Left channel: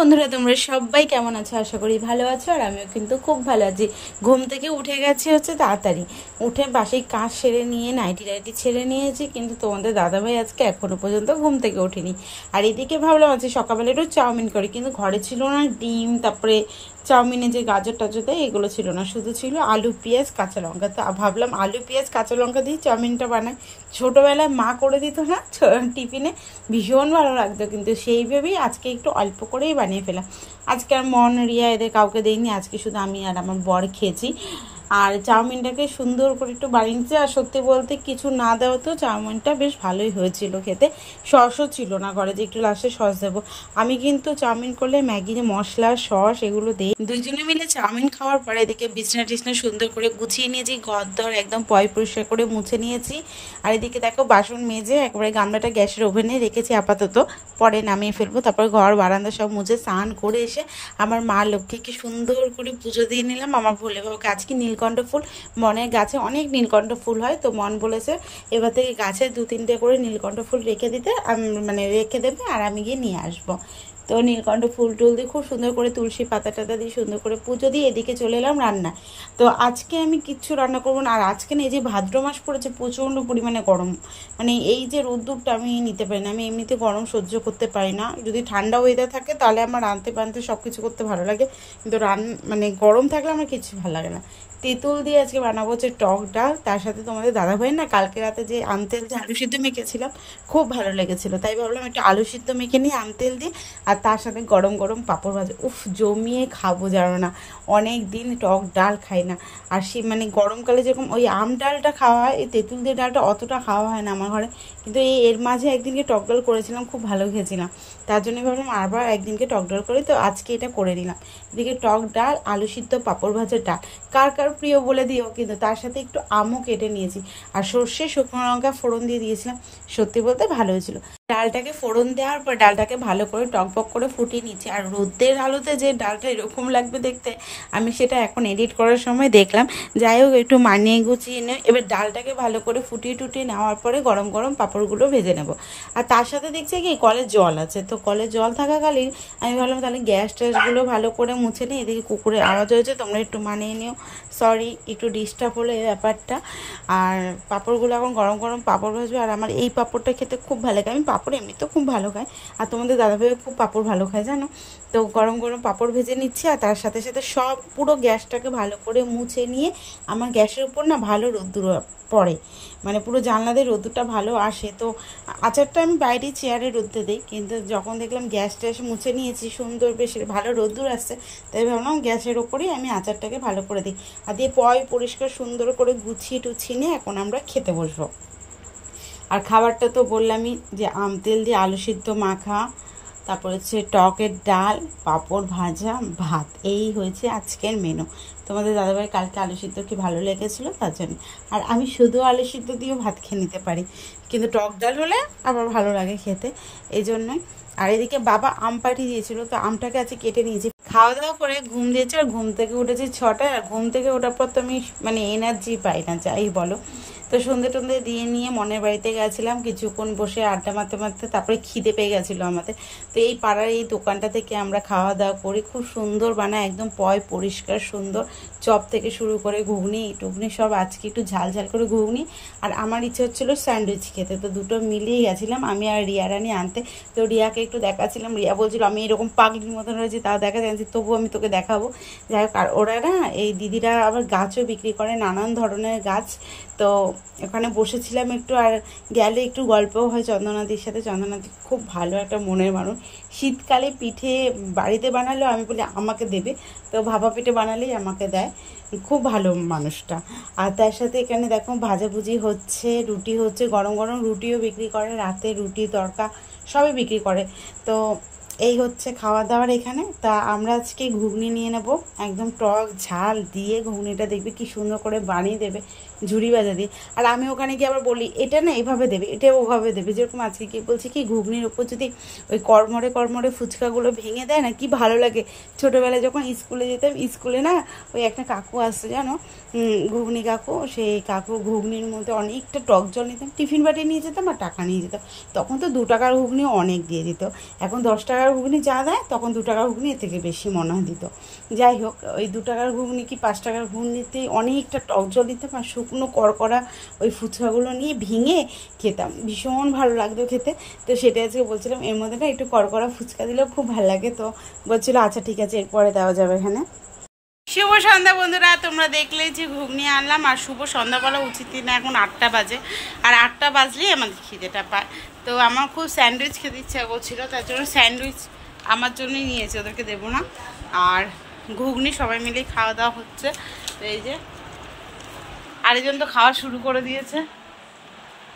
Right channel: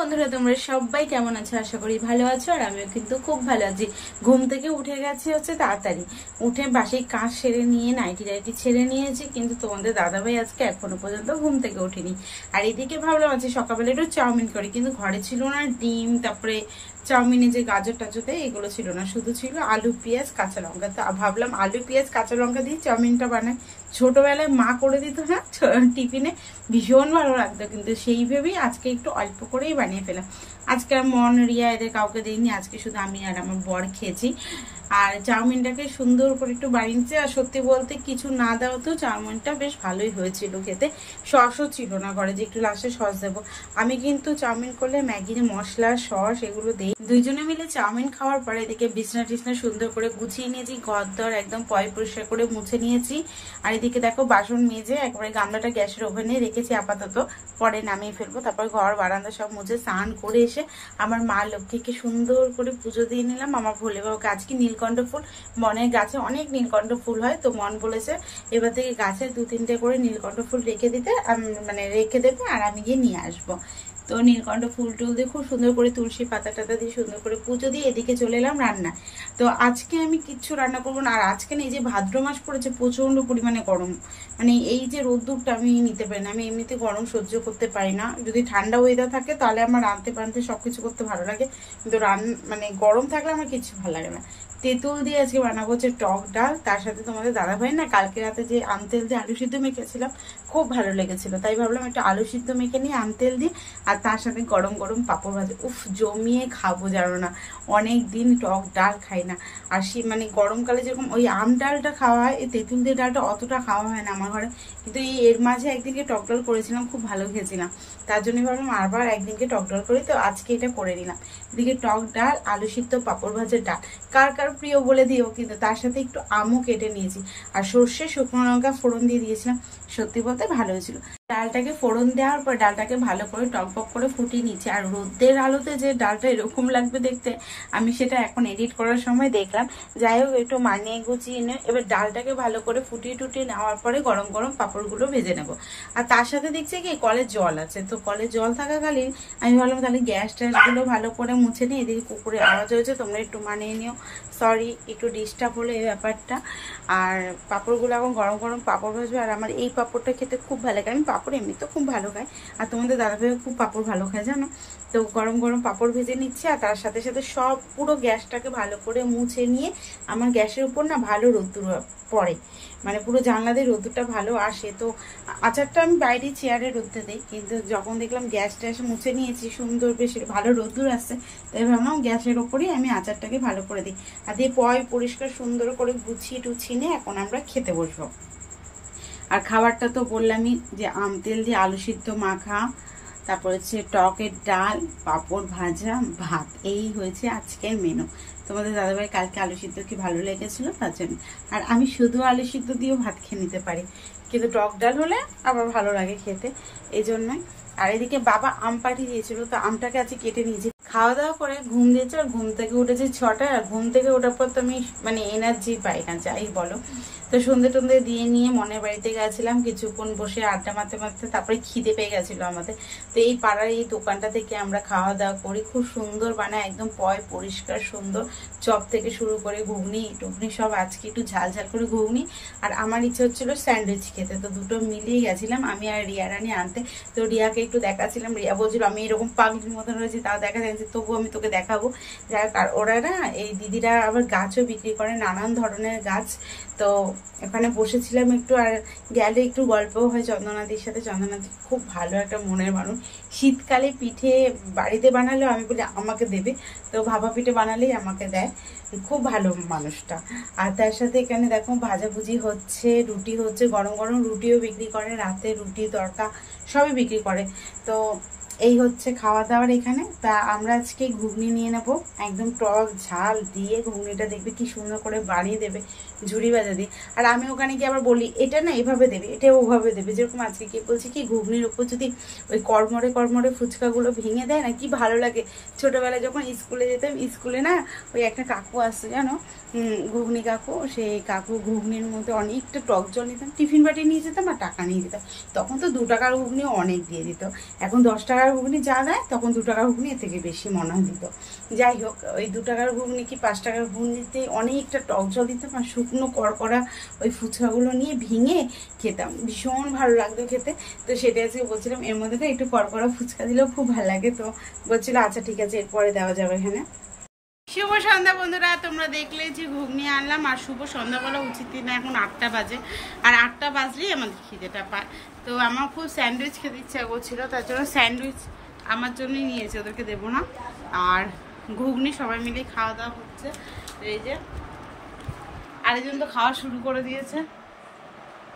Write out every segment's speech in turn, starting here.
বন্ধুরা তোমরা সবাই কেমন আছো? আশা করি ভালো আছো। আর আমিও কিন্তু খুব ভালো আছি। ঘুম থেকে উঠে গেছি হচ্ছে তাড়াতাড়ি, উঠে বাসি কাজ সেরে নিয়ে নাইটি ছেড়ে নিয়েছি, কিন্তু তোমাদের দাদাভাই আজকে এখনো পর্যন্ত ঘুম থেকে ওঠেনি। আর এদিকে ভাবলাম আজকে সকালবেলা একটু চাউমিন করি, কিন্তু ঘরে ছিল না ডিম, তারপরে চাউমিনে যে গাজর টাজর দেয় এগুলো ছিল না, শুধু ছিল আলু পেঁয়াজ কাঁচা লঙ্কা। তো ভাবলাম আলু পেঁয়াজ কাঁচা লঙ্কা দিয়ে চাউমিনটা বানাই। ছোটবেলায় মা করে দিত না টিফিনে, ভীষণ ভালো লাগতো, কিন্তু সেই ভেবেই আজকে একটু অল্প করেই বানিয়ে ফেলাম। আজকে আর মন রিয়া এদের কাউকে দেয়নি, আজকে শুধু আমি আর আমার বর খেয়েছি। আর চাউমিনটাকে সুন্দর করে একটু বানিয়েছি। আর সত্যি বলতে কিছু না দেওয়া তো চাউমিনটা বেশ ভালোই হয়েছিল খেতে। সসও ছিল না ঘরে যে একটু লাস্টে সস দেবো। আমি কিন্তু চাউমিন করলে ম্যাগির মশলা সস এগুলো দিই। দুইজনে মিলে চাউমিন খাওয়ার পরে এদিকে বিছনা টিছনা সুন্দর করে গুছিয়ে নিয়েছি, ঘরদর একদম পরিষ্কার করে মুছে নিয়েছি। আর এদিকে দেখো বাসন মেজে একবারে গামলাটা গ্যাসের ওভেনে রেখেছি আপাতত, পরে নামিয়ে ফেলবো। তারপর ঘর বারান্দা সব মুছে স্নান করে এসে আমার মা লক্ষ্মীকে সুন্দর করে পুজো দিয়ে নিলাম। আমার ভোলে বাবাকে আজকে নীলকণ্ঠ ফুল, মনের গাছে অনেক নীলকণ্ঠ ফুল হয়, তো মন বলেছে এবার থেকে গাছে 2-3টে করে নীলকণ্ঠ ফুল রেখে দিতে, মানে রেখে দেবে আর আমি গিয়ে নিয়ে আসবো। তো নীলকণ্ঠ ফুল টুল দিয়ে খুব সুন্দর করে তুলসী পাতা টাতা দিয়ে সুন্দর করে পুজো দিয়ে এদিকে চলে এলাম রান্না। তো আজকে আমি কিচ্ছু রান্না করবো না। আর আজকে না এই যে ভাদ্র মাস পড়েছে, প্রচণ্ড পরিমাণে গরম, মানে এই যে রোদ্দুরটা আমি নিতে পারি না। আমি এমনিতে গরম সহ্য করতে পারি না। যদি ঠান্ডা ওয়েদার থাকে তাহলে আমার রাঁধতে পানতে সব কিছু করতে ভালো লাগে, কিন্তু মানে গরম থাকলে আমার কিছু ভালো লাগে না। তেঁতুল দিয়ে আজকে বানাবো হচ্ছে টক ডাল, তার সাথে তোমাদের দাদাভাই না কালকে রাতে যে আমতেল দিয়ে আলু সিদ্ধ মেখেছিলাম খুব ভালো লেগেছিল, তাই ভাবলাম একটু আলু সিদ্ধ মেখে নিই আমতেল দিয়ে, আর তার সাথে গরম গরম পাঁপড় ভাজা। উফ, জমিয়ে খাবো জানো না, অনেক দিন টক ডাল খাই না। আর মানে গরমকালে যেরকম ওই আম ডালটা খাওয়া হয়, এই তেঁতুল দিয়ে ডালটা অতটা খাওয়া হয় না আমার ঘরে, কিন্তু এর মাঝে একদিনকে টক ডাল করেছিলাম, খুব ভালো খেয়েছিলাম, তার জন্য ভাবলাম আবার একদিনকে টক ডাল করি, তো আজকে এটা করে নিলাম। এদিকে টক ডাল, আলু সিদ্ধ, পাঁপড় ভাজার ডাল, কার কার প্রিয় বলে দিও। কিন্তু তার সাথে একটু আমও কেটে নিয়েছি, আর সর্ষে শুকনো লঙ্কা ফোড়ন দিয়ে দিয়েছিলাম, সত্যি বলতে ভালো হয়েছিল। ডালটাকে ফোড়ন দেওয়ার পর ডালটাকে ভালো করে টকবক করে ফুটিয়ে নিচ্ছি। আর রোদের আলোতে যে ডালটা এরকম লাগবে দেখতে, আমি সেটা এখন এডিট করার সময় দেখলাম। যাই হোক, একটু মানিয়ে গুছিয়ে নিয়ে এবার ডালটাকে ভালো করে ফুটিয়ে টুটিয়ে নেওয়ার পরে গরম গরম পাঁপড়গুলো ভেজে নেব। আর তার সাথে দেখছি কি কলের জল আছে, তো কলের জল থাকাকালীন আমি ভাবলাম তাহলে গ্যাস ট্যাসগুলো ভালো করে মুছে নিই। এদিকে কুকুরের আওয়াজ হয়েছে, তোমরা একটু মানিয়ে নিও, সরি একটু ডিস্টার্ব হলো এই ব্যাপারটা। আর পাঁপড়গুলো এখন গরম গরম পাঁপড় ভাজবে। আর আমার এই পাঁপড়টা খেতে খুব ভালো লাগে, আমি পাঁপড় এমনিতেও খুব ভালো খাই, আর তোমাদের দাদাভাইও খুব পাঁপড় ভালো খায় জানো। তো গরম গরম পাঁপড় ভেজে নিচ্ছি, আর তার সাথে সাথে সব পুরো গ্যাসটাকে ভালো করে মুছে নিয়ে, আমার গ্যাসের উপর না ভালো রোদ্দুর পড়ে, মানে পুরো জানলা দিয়ে রোদ্দুরটা ভালো আসে। তো আচারটা আমি বাইরে চেয়ারে রোদতে দিই, কিন্তু যখন দেখলাম গ্যাস ট্যাস মুছে নিয়েছি, সুন্দর বেশ ভালো রোদ্দুর আসছে, তাই ভাবলাম গ্যাসের ওপরেই আমি আচারটাকে ভালো করে দিই। আর দিয়ে পরিষ্কার সুন্দর করে গুছিয়ে টুছিয়ে নিয়ে এখন আমরা খেতে বসবো। আর খাবারটা তো বললামই যে আম তেল দিয়ে আলু সিদ্ধ মাখা, তারপর হচ্ছে টকের ডাল, পাঁপড় ভাজা, ভাত, এই হয়েছে আজকের মেনু। তোমাদের দাদাভাই কালকে আলু সিদ্ধ কি ভালো লেগেছিল তার জন্য। আর আমি শুধু আলু সিদ্ধ দিয়েও ভাত খেয়ে নিতে পারি, কিন্তু টক ডাল হলে আবার ভালো লাগে খেতে, এই জন্যই। আর এদিকে বাবা আম পাঠিয়ে দিয়েছিল, তো আমটাকে আজকে কেটে নিয়েছি। খাওয়া দাওয়া করে ঘুম দিয়েছে, আর ঘুম থেকে উঠেছি 6টায়। আর ঘুম থেকে ওঠার পর তো আমি মানে এনার্জি পাই না, যাই বলো। তো সন্ধে টন্ধে দিয়ে নিয়ে মনের বাড়িতে গেছিলাম, কিছুক্ষণ বসে আড্ডা মারতে মারতে তারপরে খিদে পেয়ে গেছিলো আমাদের। তো এই পাড়ার এই দোকানটা থেকে আমরা খাওয়া দাওয়া করি, খুব সুন্দর বানায়, একদম পরিষ্কার সুন্দর, চপ থেকে শুরু করে ঘুগনি টুগনি সব। আজকে একটু ঝাল ঝাল করে ঘুগনি, আর আমার ইচ্ছা হচ্ছিল স্যান্ডউইচ খেতে, তো দুটো মিলিয়ে গেছিলাম আমি আর রিয়া রানী আনতে। তো রিয়াকে একটু দেখাচ্ছিলাম, রিয়া বলছিল আমি এরকম পাগলির মতন রয়েছি, তাও দেখা যাচ্ছে, তবুও আমি তোকে দেখাবো। যাই হোক, আর ওরা না এই দিদিরা আবার গাছও বিক্রি করে, নানান ধরনের গাছ। তো ওখানে বসেছিলাম একটু, আর গেলে একটু গল্পও হয় চন্দনাদির সাথে। চন্দনাদি খুব ভালো একটা মনের মানুষ, শীতকালে পিঠে বাড়িতে বানালেও আমি বলি আমাকে দেবে, তো ভাপা পিঠে বানালেই আমাকে দেয়, খুব ভালো মানুষটা। আর তার সাথে এখানে দেখো ভাজাভুজি হচ্ছে, রুটি হচ্ছে, গরম গরম রুটিও বিক্রি করে, রাতে রুটি তড়কা সবই বিক্রি করে। তো এই হচ্ছে খাওয়া দাওয়ার এখানে। তা আমরা আজকে ঘুগনি নিয়ে নেব, একদম টক ঝাল দিয়ে ঘুগনিটা দেখবে কি সুন্দর করে বানিয়ে দেবে ঝুড়ি ভাজা দিয়ে। আর আমি ওখানে গিয়ে আবার বলি এটা না এভাবে দেবে, এটা ওভাবে দেবে। যেরকম আজকে কি বলছি কি ঘুগনির ওপর যদি ওই কড়মড়ে ফুচকাগুলো ভেঙে দেয় না, কি ভালো লাগে। ছোটবেলায় যখন স্কুলে যেতাম, স্কুলে না ওই একটা কাকু আসতো জানো, ঘুগনি কাকু, সেই কাকু ঘুগনির মধ্যে অনেকটা টক জল নিতাম, টিফিন বাটি নিয়ে যেতাম আর টাকা নিয়ে যেতাম। তখন তো 2 টাকার ঘুগনি অনেক দিয়ে দিত, এখন 10 টাকার টাকার ঘুগনি যা দেয় তখন 2 টাকার ঘুগনি এর থেকে বেশি মনে হয় দিত। যাই হোক, ওই 2 টাকার ঘুগনি কি 5 টাকার ঘুগনিতে অনেকটা টক জল দিতাম আর শুকনো কড়কড়া ওই ফুচকাগুলো নিয়ে ভেঙে খেতাম, ভীষণ ভালো লাগতো খেতে। তো সেটা আজকে বলছিলাম এর মধ্যে না একটু কড়কড়া ফুচকা দিলেও খুব ভালো লাগে। তো বলছিল আচ্ছা ঠিক আছে এরপরে দেওয়া যাবে এখানে। শুভ সন্ধ্যা বন্ধুরা, তোমরা দেখলে যে ঘুগনি আনলাম আর শুভ সন্ধ্যা বলা উচিত না, এখন 8টা বাজে আর 8টা বাজলেই আমাদের খিদেটা পায়। তো আমার খুব স্যান্ডউইচ খেতে ইচ্ছা করছিলো, তার জন্য স্যান্ডউইচ আমার জন্যই নিয়েছি, ওদেরকে দেবো না। আর ঘুগনি সবাই মিলেই খাওয়া দাওয়া হচ্ছে। এই যে আরেকজন তো খাওয়া শুরু করে দিয়েছে,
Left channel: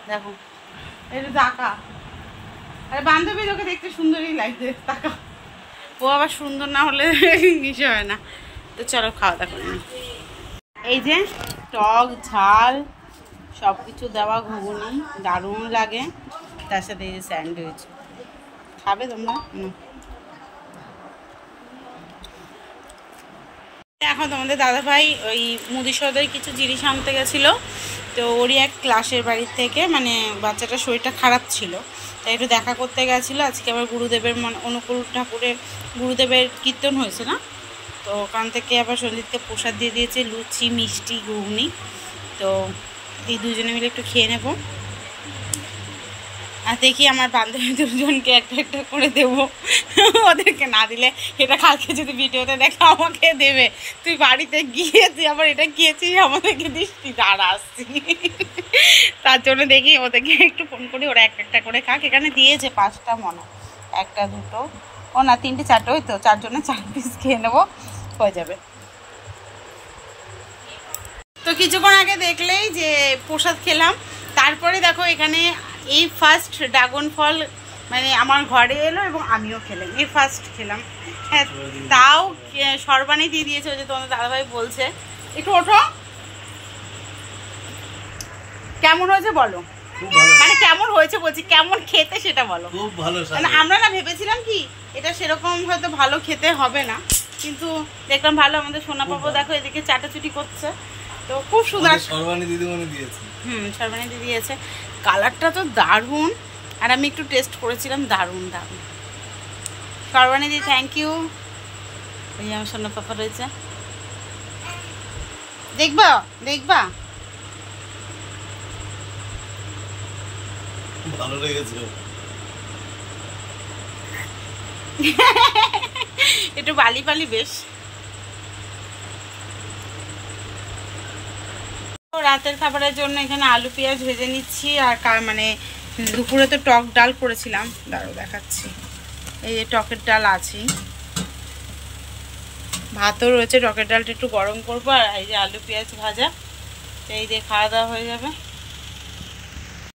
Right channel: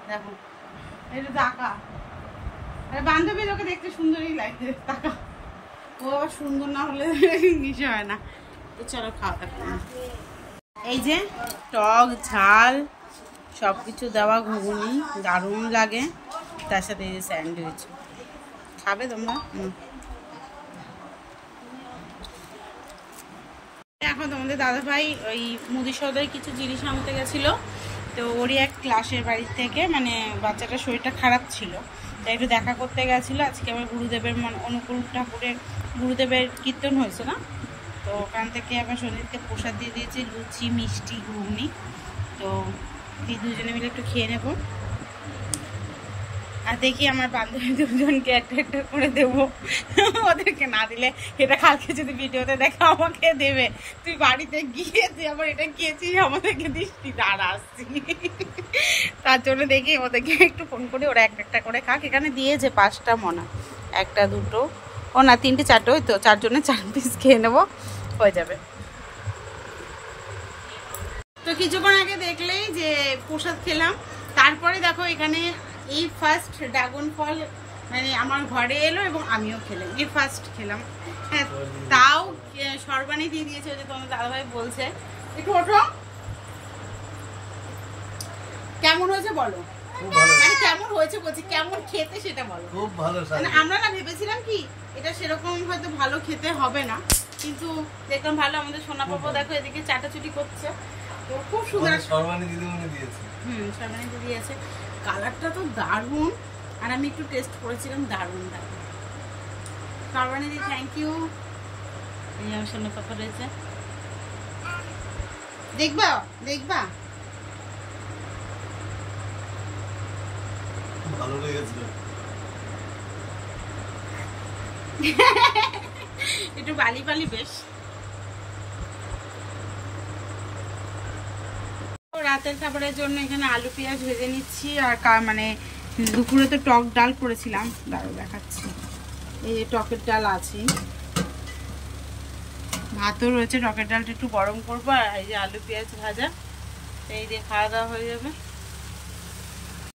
দেখো একটু টাকা। আরে বান্ধবী লোকে দেখতে সুন্দরই লাগছে, টাকা ও আবার সুন্দর না হলে কিছু হয় না। তো চলো খাওয়া দাওয়া করে। এই যে টক ঝাল সব কিছু দেওয়া ঘুগনি দারুণ লাগে, তার সাথে এই যে স্যান্ডউইচ। খাবে তোমরা? এখন তোমাদের দাদাভাই ওই মুদি সদায় কিছু জিনিস আনতে গেছিলো। তো ওরই এক ক্লাসের বাড়ির থেকে, মানে বাচ্চাটার শরীরটা খারাপ ছিল, তাই একটু দেখা করতে গেছিলো। আজকে আবার গুরুদেবের অনুকূল ঠাকুরের গুরুদেবের কীর্তন হয়েছে না, তো ওখান থেকে আবার সঞ্জিতকে প্রসাদ দিয়ে দিয়েছে, লুচি মিষ্টি ঘুগনি। তো এই দুজনে মিলে একটু খেয়ে নেব। আর দেখি আমার বান্ধবী দুজনকে একটা একটা করে দেবো, ওদেরকে না দিলে এটা কালকে যদি ভিডিওতে দেখা আমাকে দেবে, তুই বাড়িতে গিয়ে তুই আবার এটা খেয়েছিস আমাদেরকে দিস, তুই দাঁড়া আসছি। তার জন্য দেখি ওদেরকে একটু ফোন করি, ওরা একটা একটা করে খাক। এখানে দিয়েছে 5টা মনে, 1টা 2টো ও না 3টে 4টে, ওই তো 4 জনে 4 পিস খেয়ে নেবো, হয়ে যাবে। তো কিছুক্ষণ আগে দেখলেই যে প্রসাদ খেলাম, তারপরে দেখো এখানে এই ফার্স্ট ড্রাগন ফল মানে আমার ঘরে এলো এবং আমিও খেলাম, এই ফার্স্ট খেলাম। হ্যাঁ, তাও সরবানি দিয়ে দিয়েছে, ওই যে তোমাদের দাদাভাই বলছে। একটু ওঠো, কেমন হয়েছে বলো? মানে কেমন হয়েছে বলছি, কেমন খেতে সেটা বলো। খুব ভালো। মানে আমরা না ভেবেছিলাম কি এটা সেরকম হয়তো ভালো খেতে হবে না, কিন্তু দেখলাম ভালো। আমাদের সোনা পাপা দেখো এদিকে চাটাচুটি করছে, তো খুব সুন্দর। সরবানি দিদিমণি দিয়েছে। সরবানি দিদি দিয়েছে। কালারটা তো দারুণ, আর আমি একটু টেস্ট করেছিলাম, দারুণ দারুণ। সরবানি দিদি থ্যাংক ইউ। এই আমার সোনা পাপা রয়েছে, দেখবা দেখবা। ভালো লেগেছে। একটু বালি বালি বেশ। রাতের খাবারের জন্য এখানে আলু পেঁয়াজ ভেজে নিচ্ছি। আর মানে দুপুরে তো টক ডাল করেছিলাম, দাঁড়ো দেখাচ্ছি। এই যে টকের ডাল আছে, ভাতও রয়েছে, টকের ডালটা একটু গরম করবো, আর এই যে আলু পেঁয়াজ ভাজা। তো এই দিয়ে খাওয়া দাওয়া হয়ে যাবে।